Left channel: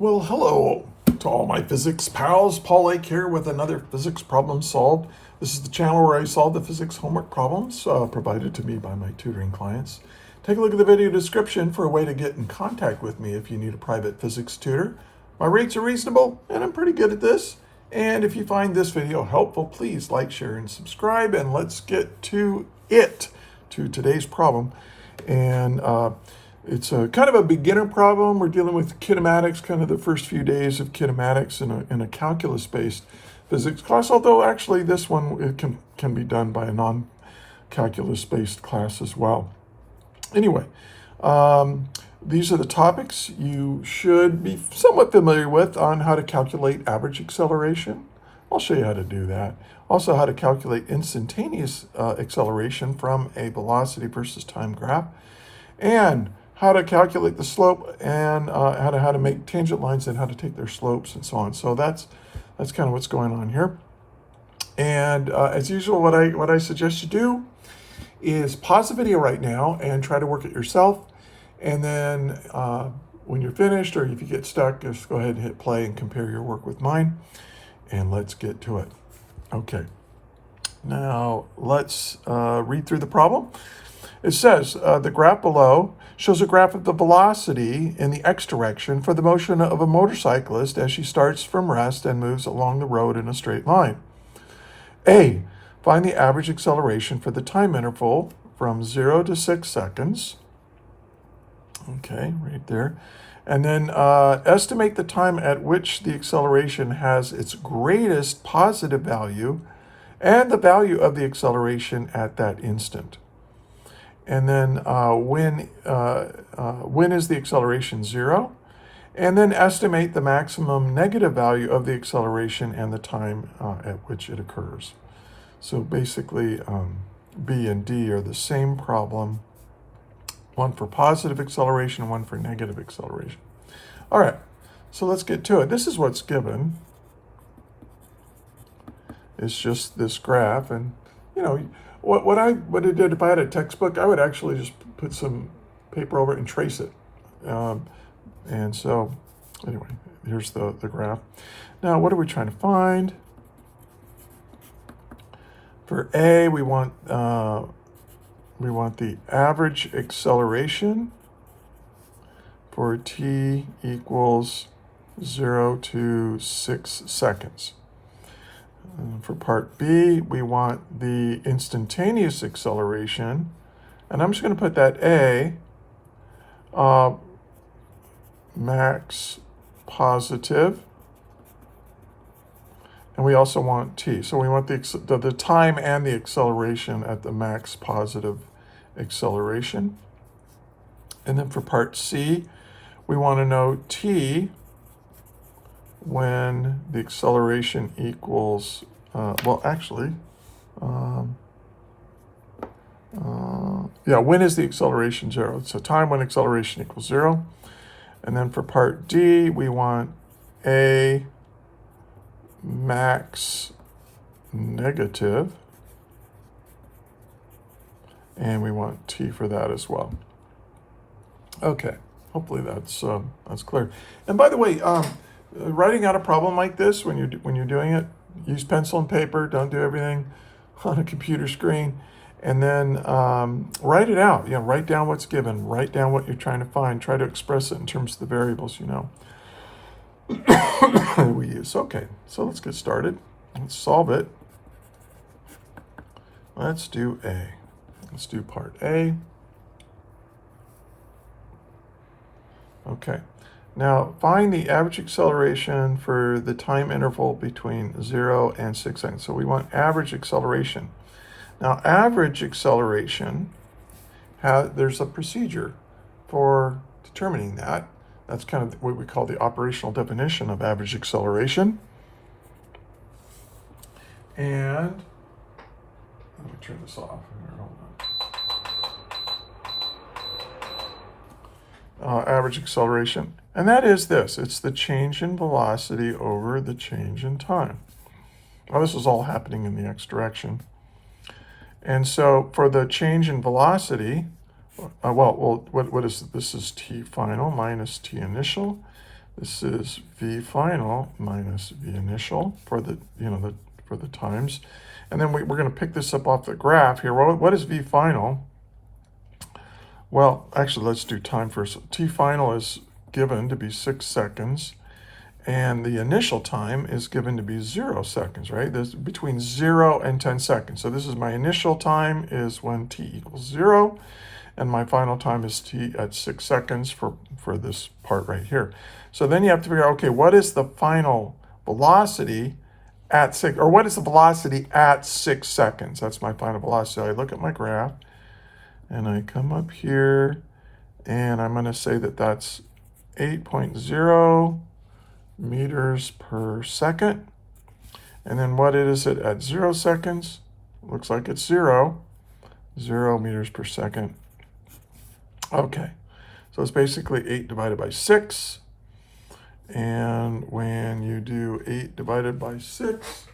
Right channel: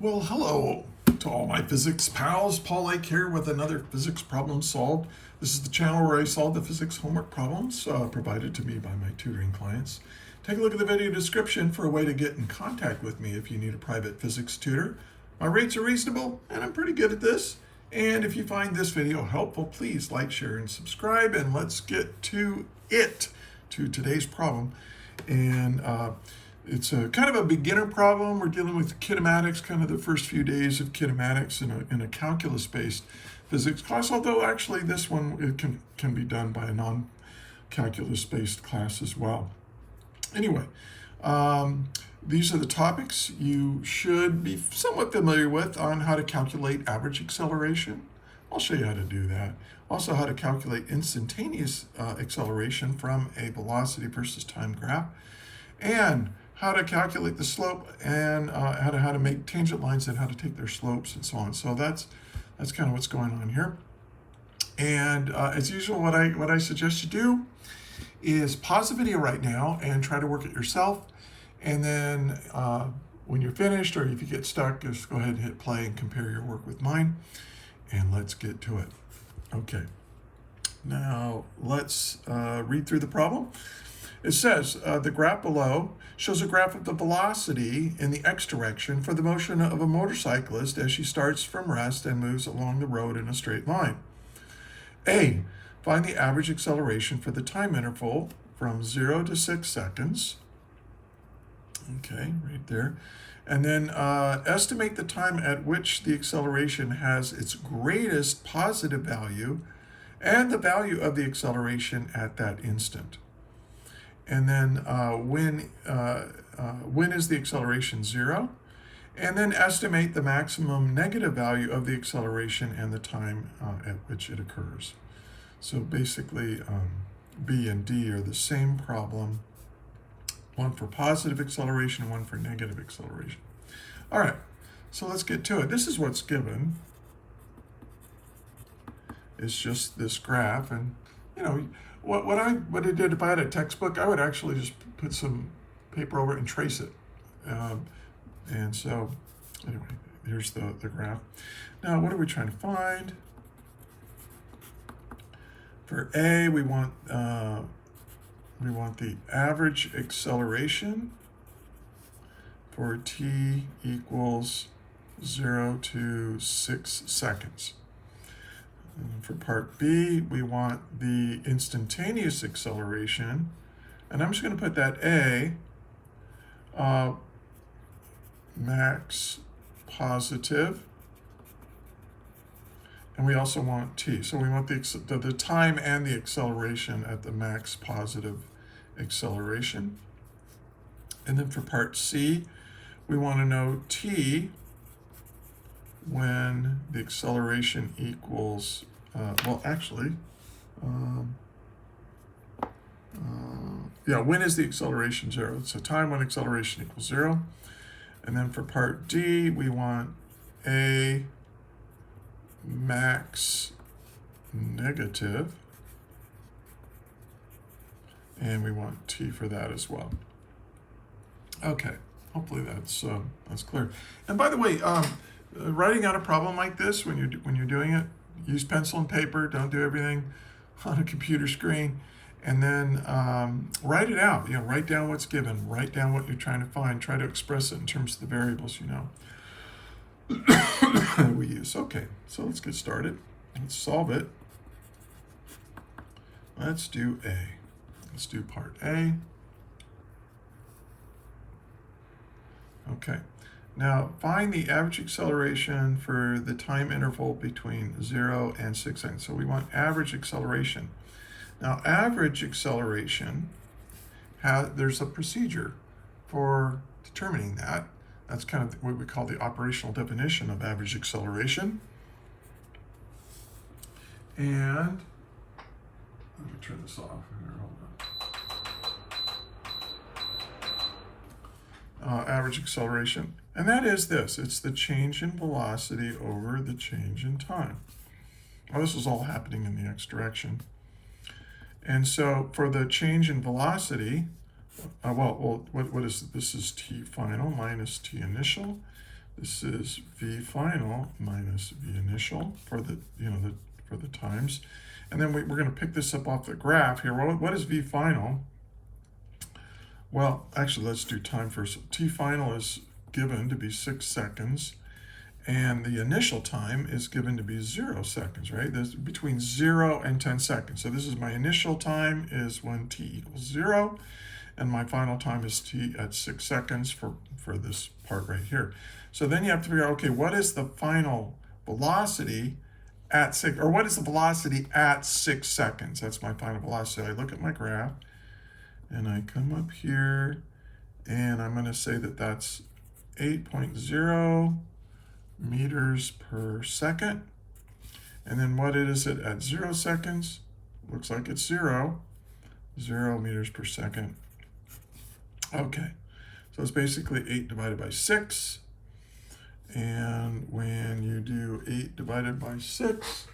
Well, hello to all my physics pals. Paul Lake here with another physics problem solved. This is the channel where I solve the physics homework problems provided to me by my tutoring clients. Take a look at the video description for a way to get in contact with me if you need a private physics tutor. My rates are reasonable and I'm pretty good at this. And if you find this video helpful, please like, share, and subscribe. And let's get to today's problem. And it's a kind of a beginner problem. We're dealing with kinematics, kind of the first few days of kinematics in a calculus-based physics class, although actually this one it can be done by a non-calculus-based class as well. Anyway, these are the topics you should be somewhat familiar with on how to calculate average acceleration. I'll show you how to do that. Also, how to calculate instantaneous acceleration from a velocity versus time graph, and how to calculate the slope, and how to make tangent lines and how to take their slopes and so on. So that's kind of what's going on here. And as usual, what I suggest you do is pause the video right now and try to work it yourself. And then when you're finished, or if you get stuck, just go ahead and hit play and compare your work with mine. And let's get to it. Okay. Now let's read through the problem. It says the graph below shows a graph of the velocity in the x direction for the motion of a motorcyclist as she starts from rest and moves along the road in a straight line. A, find the average acceleration for the time interval from 0 to 6 seconds. Okay, right there. And then estimate the time at which the acceleration has its greatest positive value and the value of the acceleration at that instant. And then when is the acceleration 0? And then estimate the maximum negative value of the acceleration and the time at which it occurs. So basically, B and D are the same problem, one for positive acceleration, one for negative acceleration. All right, so let's get to it. This is what's given. It's just this graph, and you know, what I did if I had a textbook, I would actually just put some paper over it and trace it. And so, anyway, here's the graph. Now, what are we trying to find? For A, we want the average acceleration for t equals 0 to 6 seconds. For part B, we want the instantaneous acceleration, and I'm just going to put that A, max positive, and we also want T. So we want the time and the acceleration at the max positive acceleration. And then for part C, we want to know T when the acceleration equals, when is the acceleration 0? So time when acceleration equals 0. And then for part D, we want A max negative, and we want T for that as well. Okay, hopefully that's clear. And by the way, writing out a problem like this, when you're doing it, use pencil and paper. Don't do everything on a computer screen. And then write it out. Write down what's given. Write down what you're trying to find. Try to express it in terms of the variables we use. Okay, so let's get started. Let's solve it. Let's do A. Let's do part A. Okay. Now, find the average acceleration for the time interval between 0 and 6 seconds. So we want average acceleration. Now, average acceleration, there's a procedure for determining that. That's kind of what we call the operational definition of average acceleration. And let me turn this off. Hold on. Average acceleration. And that is this. It's the change in velocity over the change in time. Well, this is all happening in the x direction. And so for the change in velocity, what is this? Is t final minus t initial This is v final minus v initial for the, for the times. And then we're going to pick this up off the graph here. Well, what is v final? Well, actually, let's do time first. T final is given to be 6 seconds. And the initial time is given to be 0 seconds, right? There's between 0 and 10 seconds. So this is my initial time is when t equals 0. And my final time is t at 6 seconds for this part right here. So then you have to figure out, okay, what is the final velocity at 6, or what is the velocity at 6 seconds? That's my final velocity. I look at my graph, and I come up here, and I'm going to say that that's 8.0 meters per second. And then what is it at 0 seconds? Looks like it's 0 meters per second. Okay, so it's basically 8 divided by 6. And when you do 8 divided by 6,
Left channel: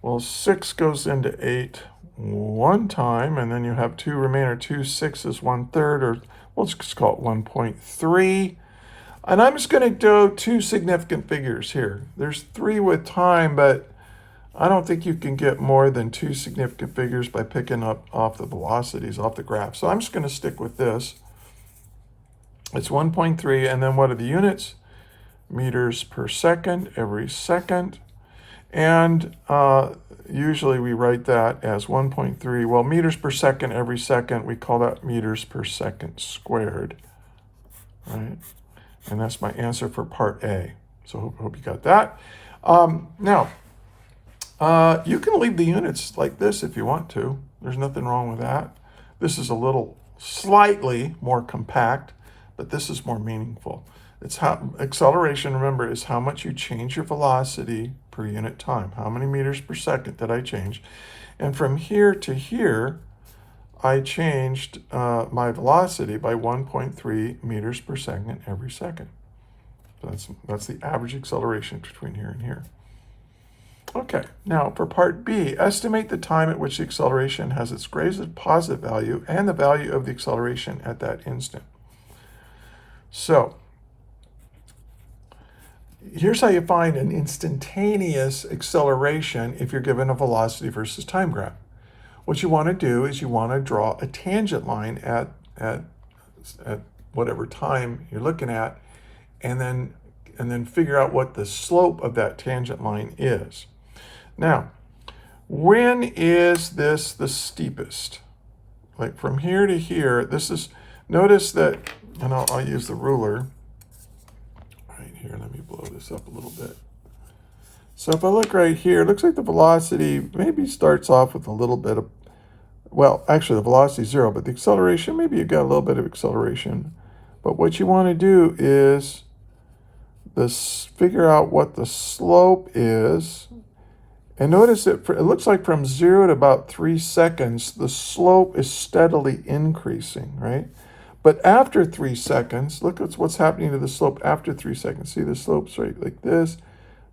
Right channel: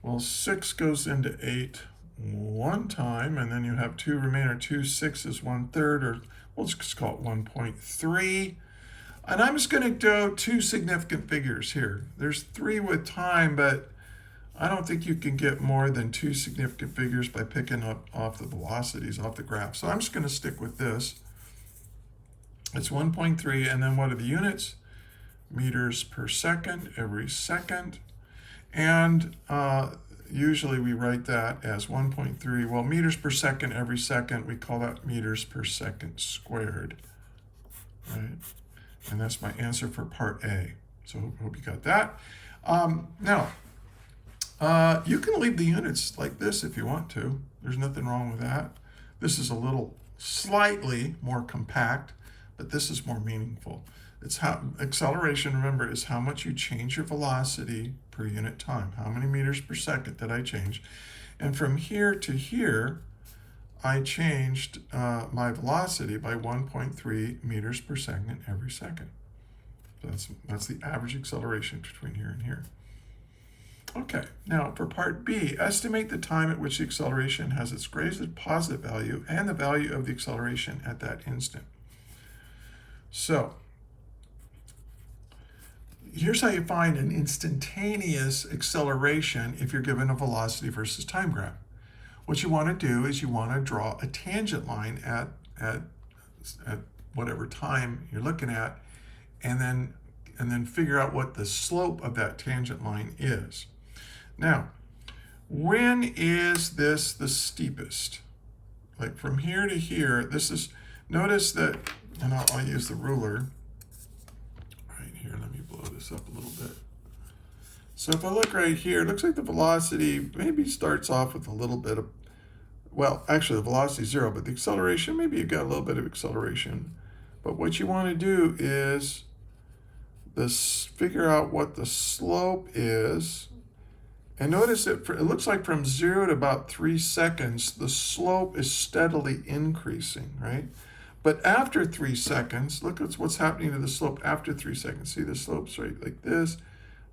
well, 6 goes into 8 one time, and then you have 2 remainder. 2 6 1/3, or we'll just call it 1.3. And I'm just going to do 2 significant figures here. There's 3 with time, but I don't think you can get more than 2 significant figures by picking up off the velocities off the graph. So I'm just going to stick with this. It's 1.3, and then what are the units? Meters per second every second. And usually we write that as 1.3. Well, meters per second every second, we call that meters per second squared, right? And that's my answer for part A. So hope you got that. Now, you can leave the units like this if you want to. There's nothing wrong with that. This is a little slightly more compact, but this is more meaningful. It's how acceleration, remember, is how much you change your velocity per unit time. How many meters per second did I change? And from here to here, I changed my velocity by 1.3 meters per second every second. That's the average acceleration between here and here. Okay, now for part B, estimate the time at which the acceleration has its greatest positive value and the value of the acceleration at that instant. So here's how you find an instantaneous acceleration if you're given a velocity versus time graph. What you want to do is you want to draw a tangent line at whatever time you're looking at, and then figure out what the slope of that tangent line is. Now, when is this the steepest? Like from here to here, this is, notice that, and I'll use the ruler right here. Let me blow this up a little bit. So if I look right here, it looks like the velocity maybe starts off with a little bit of, well, actually the velocity is 0, but the acceleration, maybe you've got a little bit of acceleration. But what you want to do is figure out what the slope is. And notice that it looks like from 0 to about 3 seconds, the slope is steadily increasing, right? But after 3 seconds, look at what's happening to the slope after 3 seconds. See, the slope's right like this,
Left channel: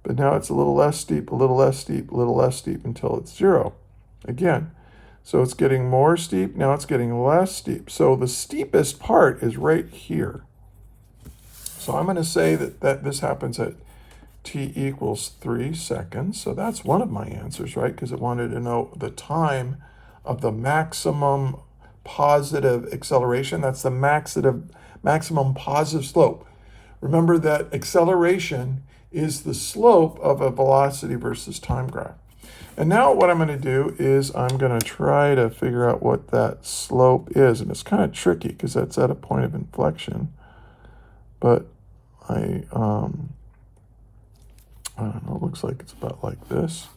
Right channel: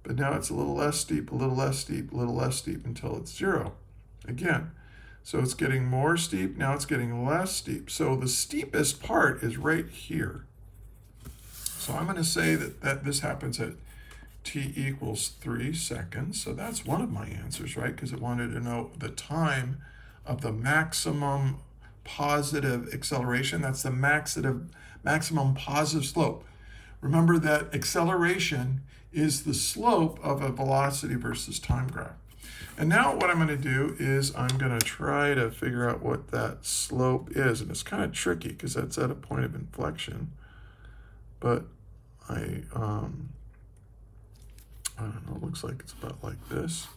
but now it's a little less steep, a little less steep, a little less steep until it's 0 again. So it's getting more steep, now it's getting less steep. So the steepest part is right here. So I'm going to say that this happens at t equals 3 seconds. So that's one of my answers, right? Because it wanted to know the time of the maximum positive acceleration. That's the maximum positive slope. Remember that acceleration is the slope of a velocity versus time graph. And now what I'm going to do is I'm going to try to figure out what that slope is. And it's kind of tricky because that's at a point of inflection. But I don't know, it looks like it's about like this.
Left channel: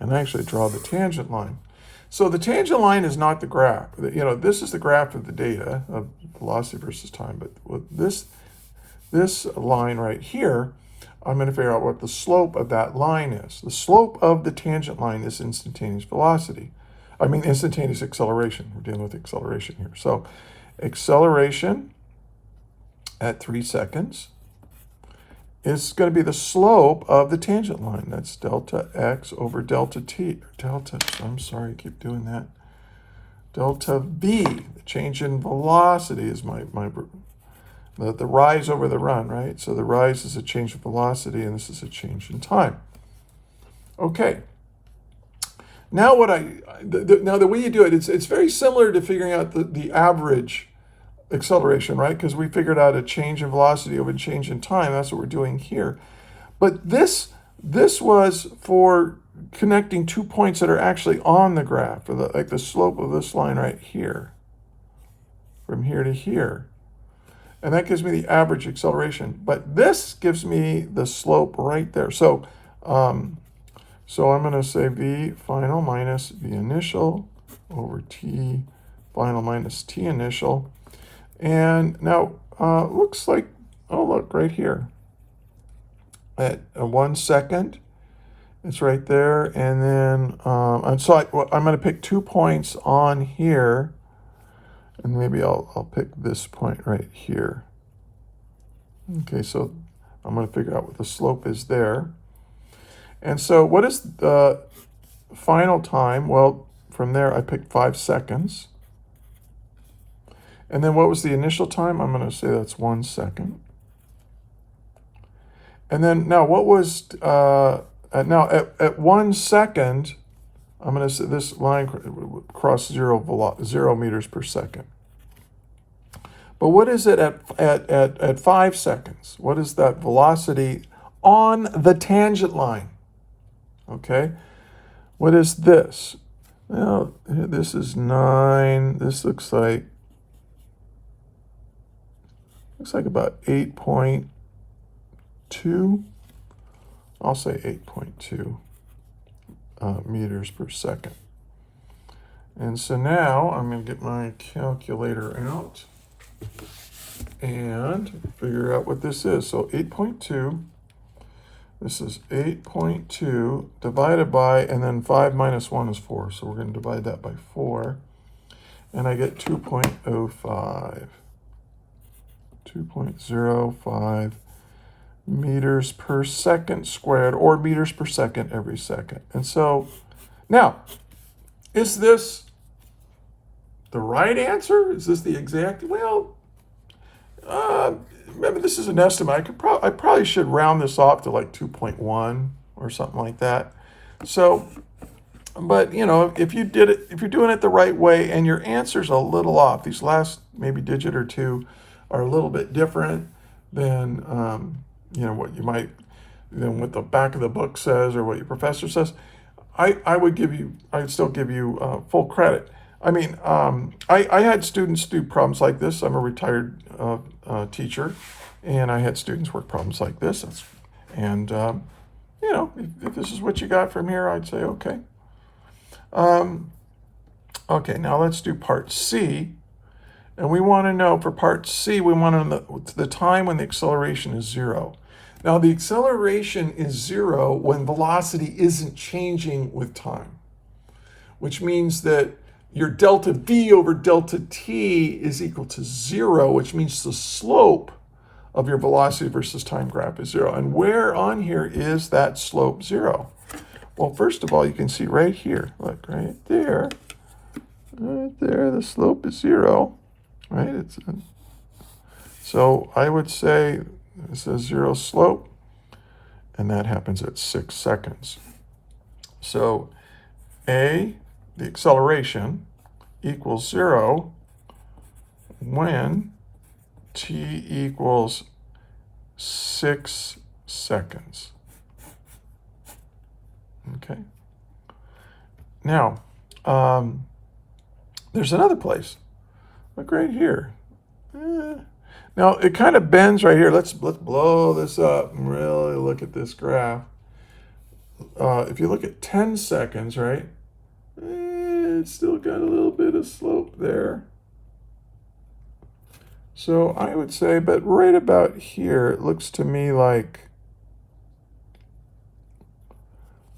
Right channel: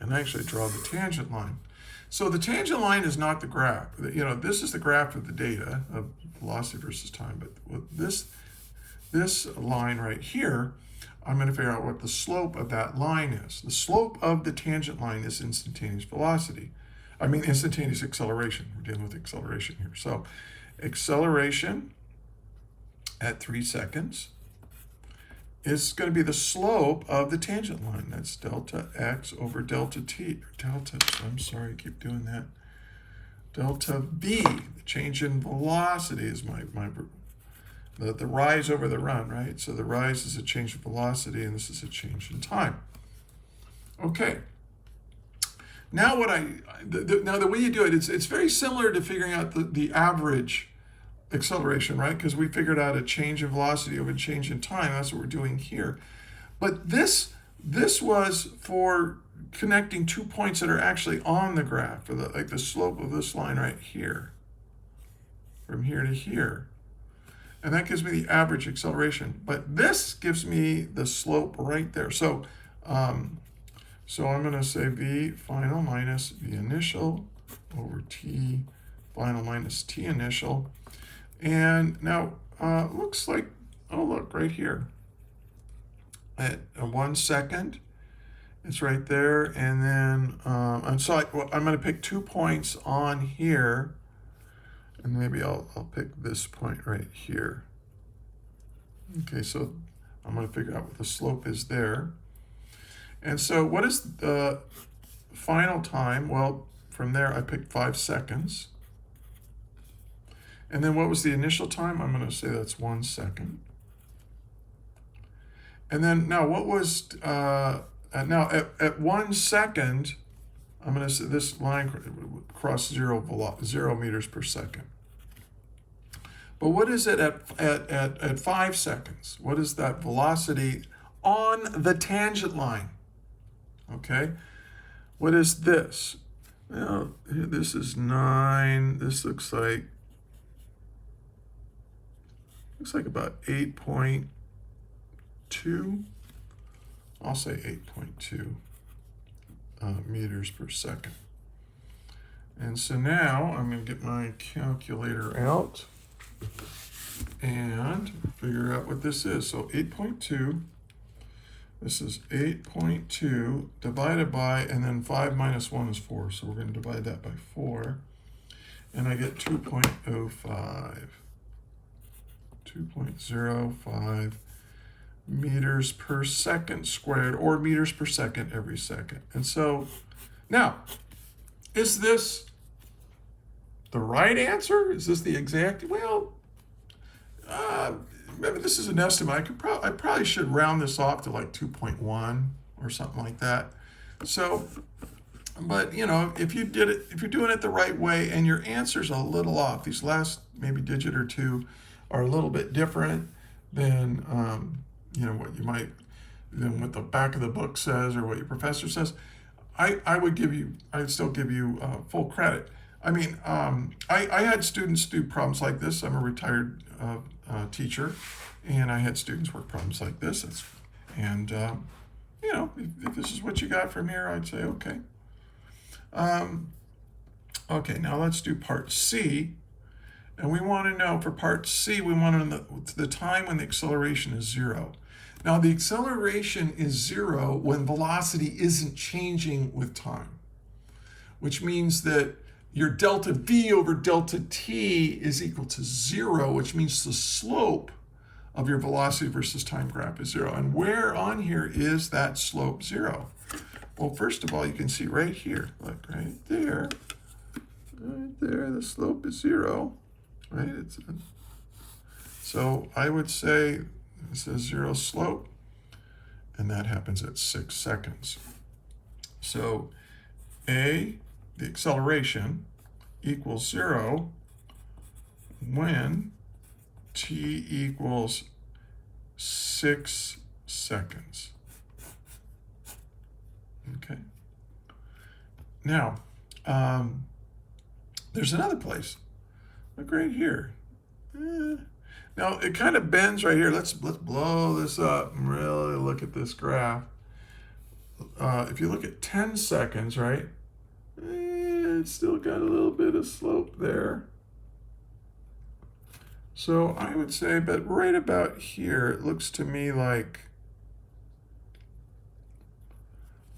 And I actually draw the tangent line. So the tangent line is not the graph. You know, this is the graph of the data of velocity versus time. But with this line right here, I'm going to figure out what the slope of that line is. The slope of the tangent line is instantaneous velocity. I mean, instantaneous acceleration. We're dealing with acceleration here. So acceleration at 3 seconds is going to be the slope of the tangent line. That's delta x over delta t. I'm sorry, I keep doing that. Delta v, the change in velocity is my the rise over the run, right? So the rise is a change in velocity, and this is a change in time. Okay. Now now the way you do it, it's very similar to figuring out the average acceleration, right? Because we figured out a change in velocity over a change in time. That's what we're doing here. But this was for connecting 2 points that are actually on the graph, or like the slope of this line right here, from here to here. And that gives me the average acceleration. But this gives me the slope right there. So so I'm going to say V final minus V initial over T final minus T initial. And now looks like, oh, look, right here. At 1 second, it's right there. And then, I'm going to pick 2 points on here. And maybe I'll pick this point right here. Okay, so I'm going to figure out what the slope is there. And so what is the final time? Well, from there I picked 5 seconds. And then what was the initial time? I'm going to say that's 1 second. And then now what was, at 1 second, I'm going to say this line crossed 0 meters per second. But what is it at 5 seconds? What is that velocity on the tangent line? Okay, what is this? Well, this is 9. This looks like about 8.2. I'll say 8.2 meters per second. And so now I'm going to get my calculator out and figure out what this is. So 8.2. This is 8.2 divided by, and then 5 minus 1 is 4. So we're going to divide that by 4. And I get 2.05. 2.05 meters per second squared, or meters per second every second. And so now, is this the right answer? Is this the exact? Well, remember, this is an estimate. I probably should round this off to like 2.1 or something like that. So, but you know, if you're doing it the right way and your answer's a little off, these last maybe digit or two are a little bit different than you know, what you might, than what the back of the book says or what your professor says, I'd still give you full credit. I mean, I had students do problems like this. I'm a retired teacher, and I had students work problems like this. And you know, if this is what you got from here, I'd say okay. Okay, now let's do part C. And we want to know, for part C, we want to know the time when the acceleration is 0. Now, the acceleration is 0 when velocity isn't changing with time, which means that your delta V over delta T is equal to 0, which means the slope of your velocity versus time graph is 0. And where on here is that slope 0? Well, first of all, you can see right here. Look, right there. Right there, the slope is 0. Right? So I would say this is 0 slope, and that happens at 6 seconds. So A, the acceleration, equals 0 when T equals 6 seconds. Okay. Now, there's another place. Look right here. Now it kind of bends right here. Let's blow this up and really look at this graph. If you look at 10 seconds, right? It's still got a little bit of slope there. So I would say, but right about here, it looks to me like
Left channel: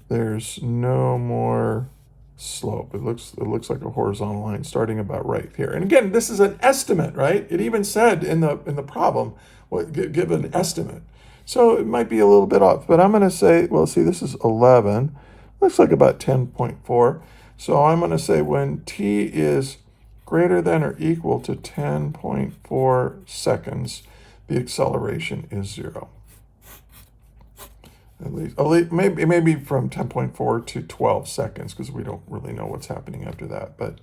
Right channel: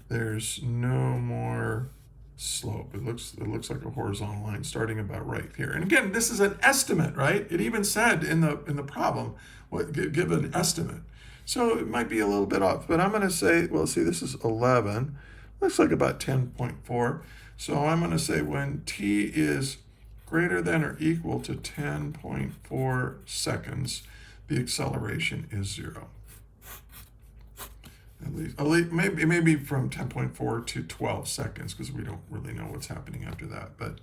there's no more slope. It looks like a horizontal line starting about right here. And again, this is an estimate, right? It even said in the problem, give an estimate. So it might be a little bit off, but I'm going to say, well, see, this is 11. Looks like about 10.4. So I'm going to say when T is greater than or equal to 10.4 seconds, the acceleration is 0. At least maybe from 10.4 to 12 seconds, because we don't really know what's happening after that. But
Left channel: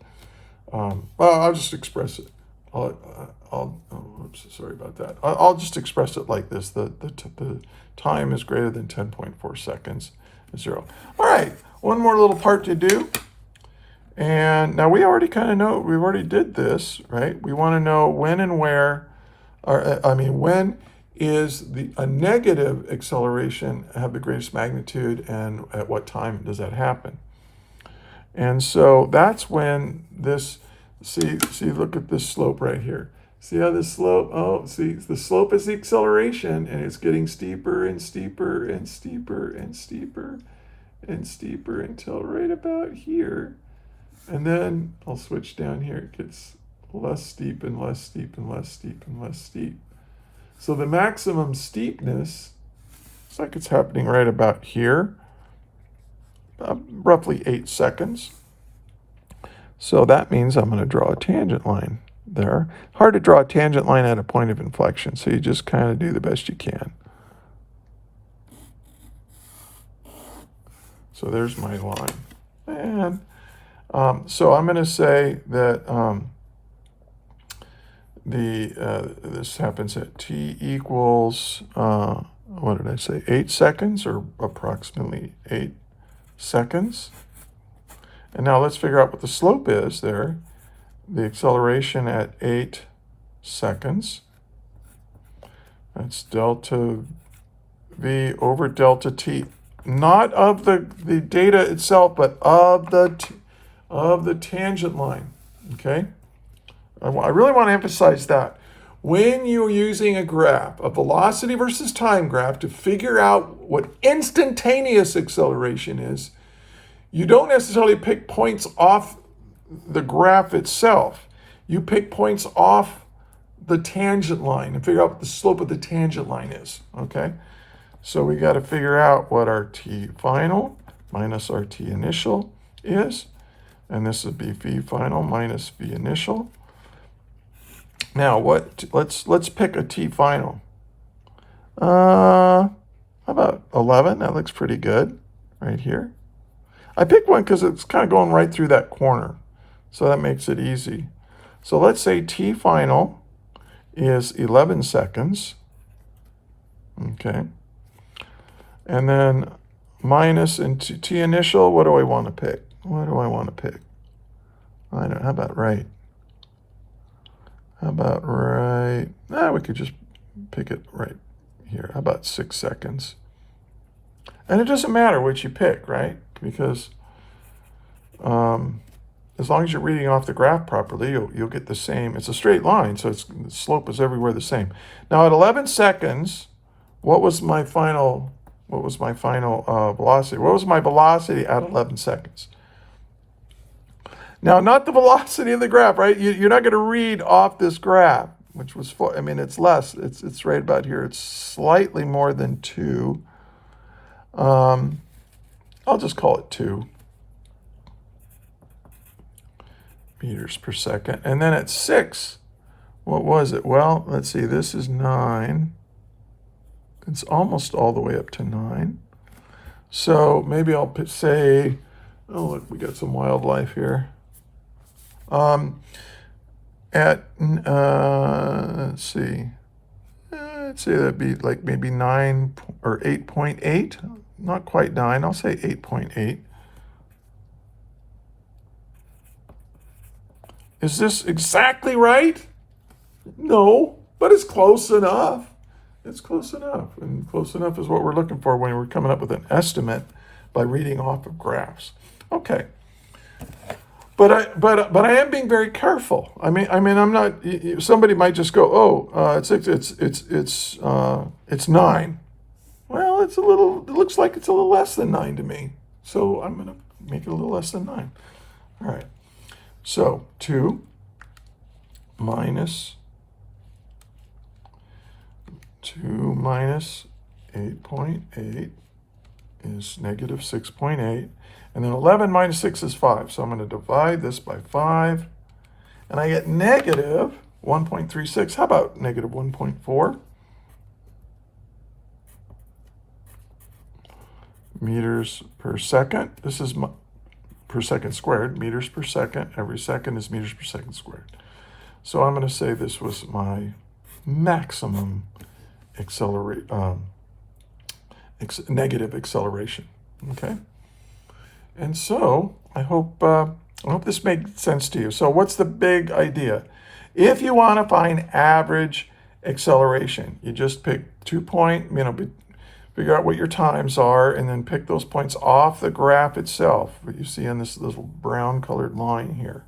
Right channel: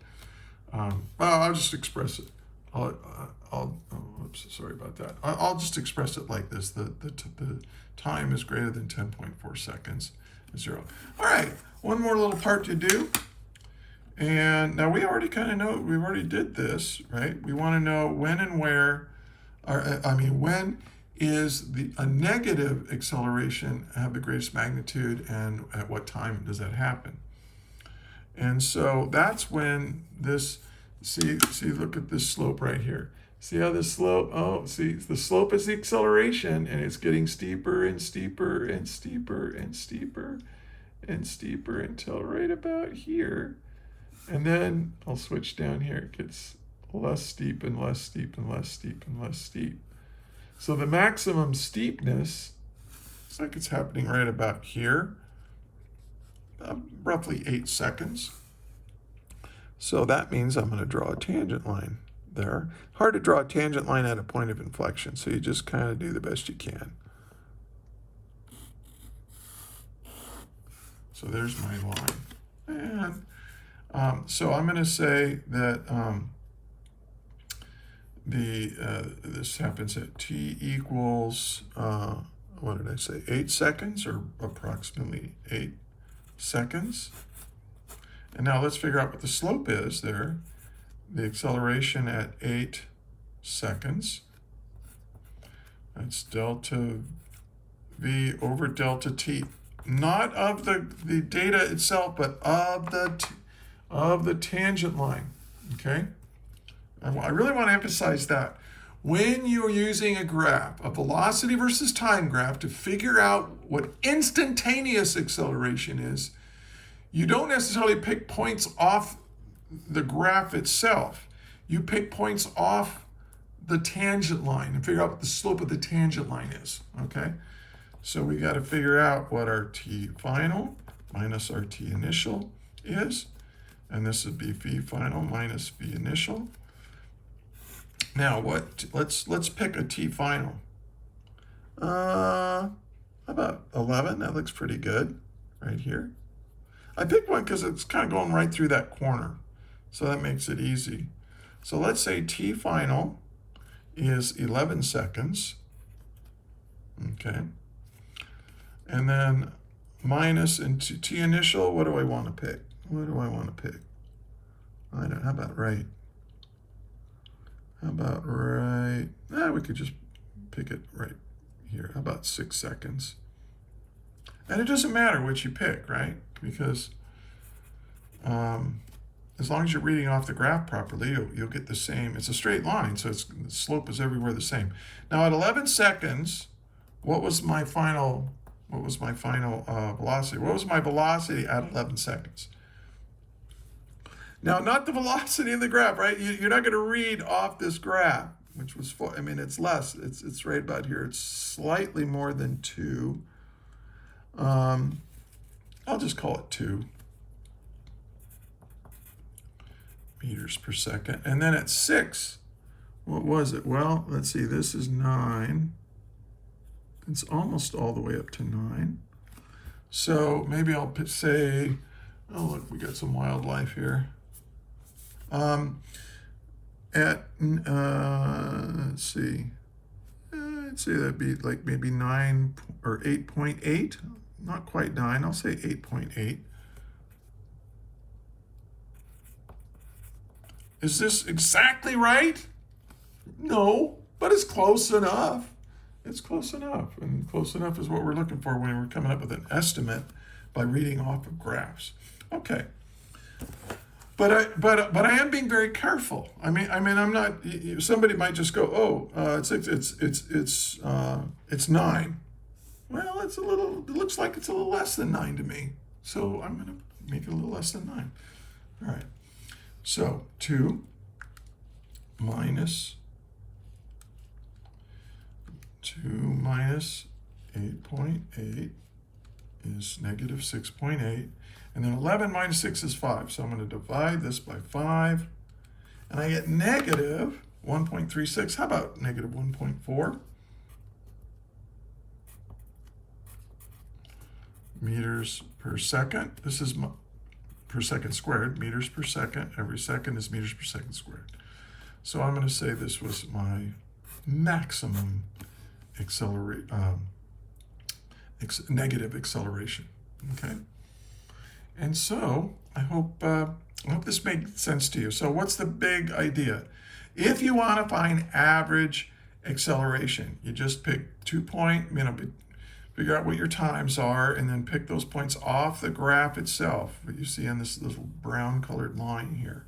well, I'll just express it. Oops, sorry about that. I'll just express it like this: the time is greater than 10.4 seconds, 0. All right, one more little part to do. And now we already kind of know, we already did this, right? We want to know when and where, or when is a negative acceleration have the greatest magnitude, and at what time does that happen? And so that's when this, see, look at this slope right here. See how this slope, see, the slope is the acceleration, and it's getting steeper and steeper and steeper and steeper and steeper until right about here. And then I'll switch down here. It gets less steep and less steep and less steep and less steep. So the maximum steepness, looks like it's happening right about here, roughly 8 seconds. So that means I'm going to draw a tangent line there. Hard to draw a tangent line at a point of inflection, so you just kind of do the best you can. So there's my line. And so I'm going to say that this happens at t equals, what did I say, 8 seconds, or approximately 8 seconds. And now let's figure out what the slope is there. The acceleration at 8 seconds. That's delta v over delta t. Not of the data itself, but of the tangent line, okay? I really want to emphasize that. When you're using a graph, a velocity versus time graph, to figure out what instantaneous acceleration is, you don't necessarily pick points off the graph itself. You pick points off the tangent line and figure out what the slope of the tangent line is, okay? So we got to figure out what our t final minus our t initial is. And this would be v final minus v initial. Now let's pick a t final. How about 11? That looks pretty good right here. I picked one because it's kind of going right through that corner, so that makes it easy. So let's say t final is 11 seconds. Okay. And then minus into t initial, what do I want to pick? What do I want to pick? I don't know, how about right? How about right? We could just pick it right here. How about 6 seconds? And it doesn't matter what you pick, right? Because as long as you're reading off the graph properly, you'll get the same. It's a straight line, so the slope is everywhere the same. Now at 11 seconds, what was my final velocity? What was my velocity at 11 seconds? Now, not the velocity of the graph, right? You're not going to read off this graph, which was, it's less. It's right about here. It's slightly more than 2. I'll just call it 2 meters per second. And then at 6, what was it? Well, let's see. This is 9. It's almost all the way up to 9. So maybe I'll say, oh, look, we got some wildlife here. Let's see that'd be like maybe 9 or 8.8, not quite 9, I'll say 8.8. Is this exactly right? No, but it's close enough. It's close enough, and close enough is what we're looking for when we're coming up with an estimate by reading off of graphs. Okay. But I am being very careful. I mean, I'm not. Somebody might just go, oh, it's 9. Well, it's a little. It looks like it's a little less than 9 to me. So I'm gonna make it a little less than 9. All right. So 2 minus 8.8 is negative 6.8. And then 11 minus 6 is 5. So I'm going to divide this by 5. And I get negative 1.36. How about negative 1.4? meters per second. This is per second squared, meters per second. Every second is meters per second squared. So I'm going to say this was my maximum negative acceleration. Okay. And so I hope this made sense to you. So what's the big idea? If you want to find average acceleration, you just pick 2 point, figure out what your times are, and then pick those points off the graph itself, what you see on this little brown colored line here.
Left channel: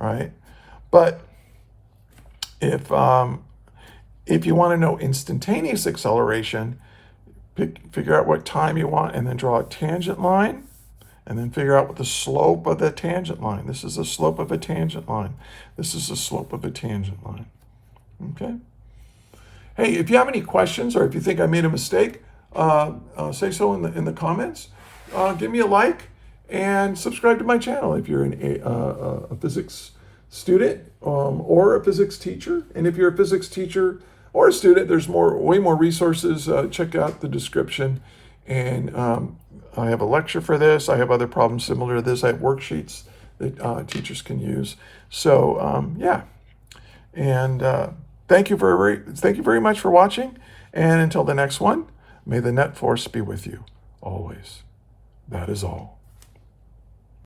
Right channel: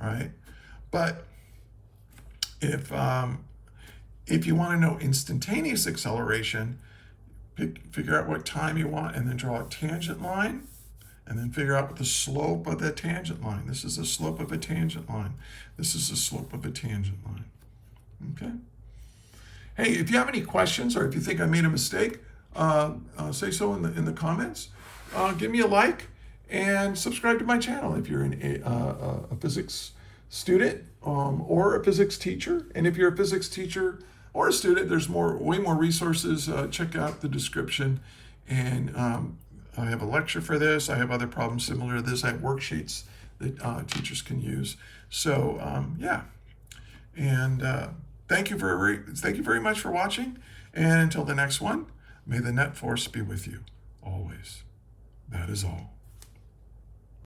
All right. But if you want to know instantaneous acceleration, figure out what time you want, and then draw a tangent line, and then figure out what the slope of the tangent line. This is the slope of a tangent line. This is the slope of a tangent line. Okay. Hey, if you have any questions or if you think I made a mistake, say so in the comments. Give me a like and subscribe to my channel if you're a physics student or a physics teacher. And if you're a physics teacher or a student, there's way more resources. Check out the description. And I have a lecture for this. I have other problems similar to this. I have worksheets that teachers can use. So yeah, and thank you very much for watching. And until the next one, may the net force be with you always. That is all.